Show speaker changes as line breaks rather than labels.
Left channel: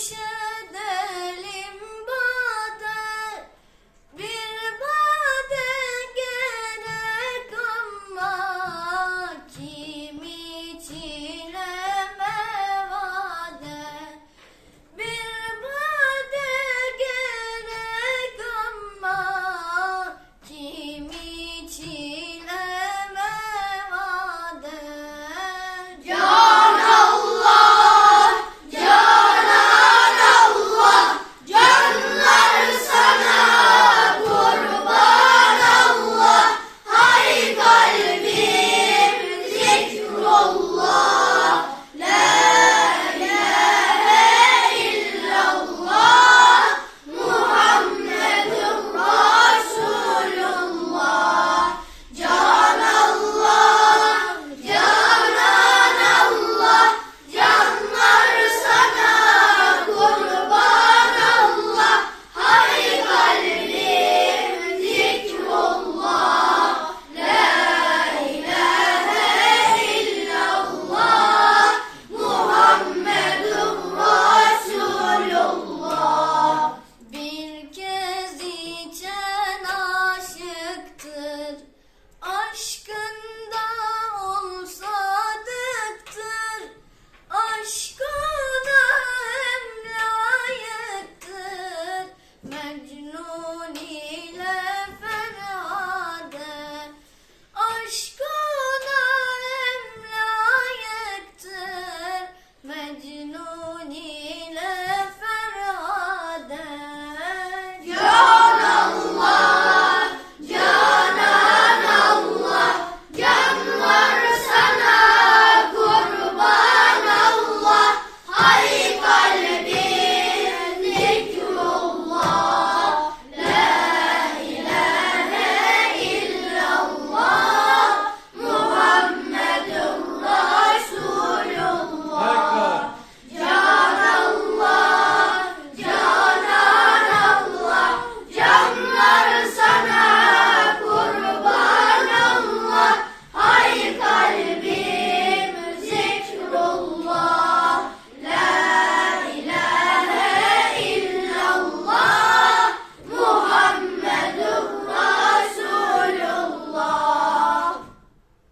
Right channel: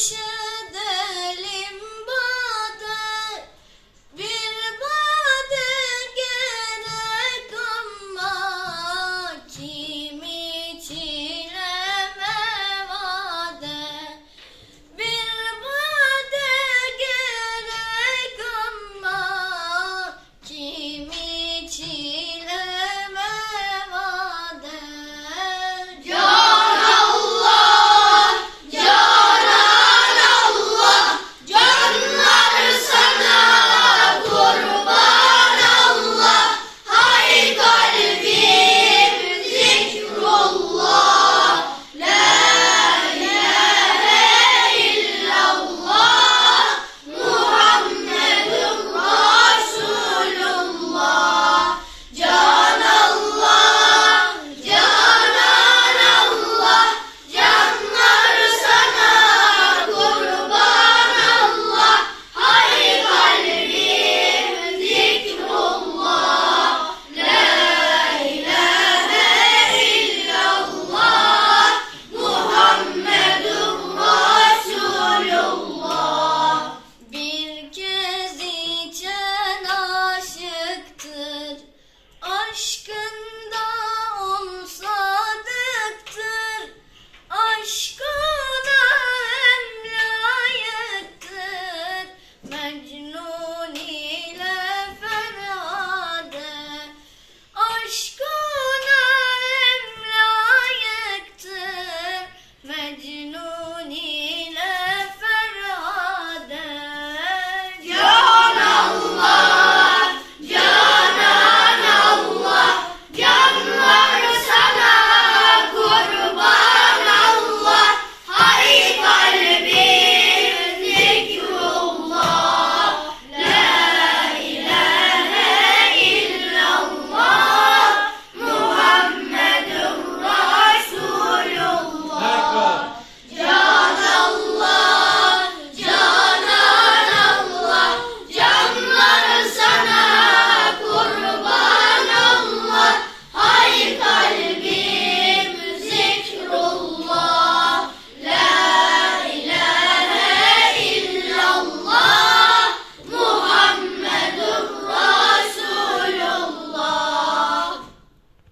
ocean.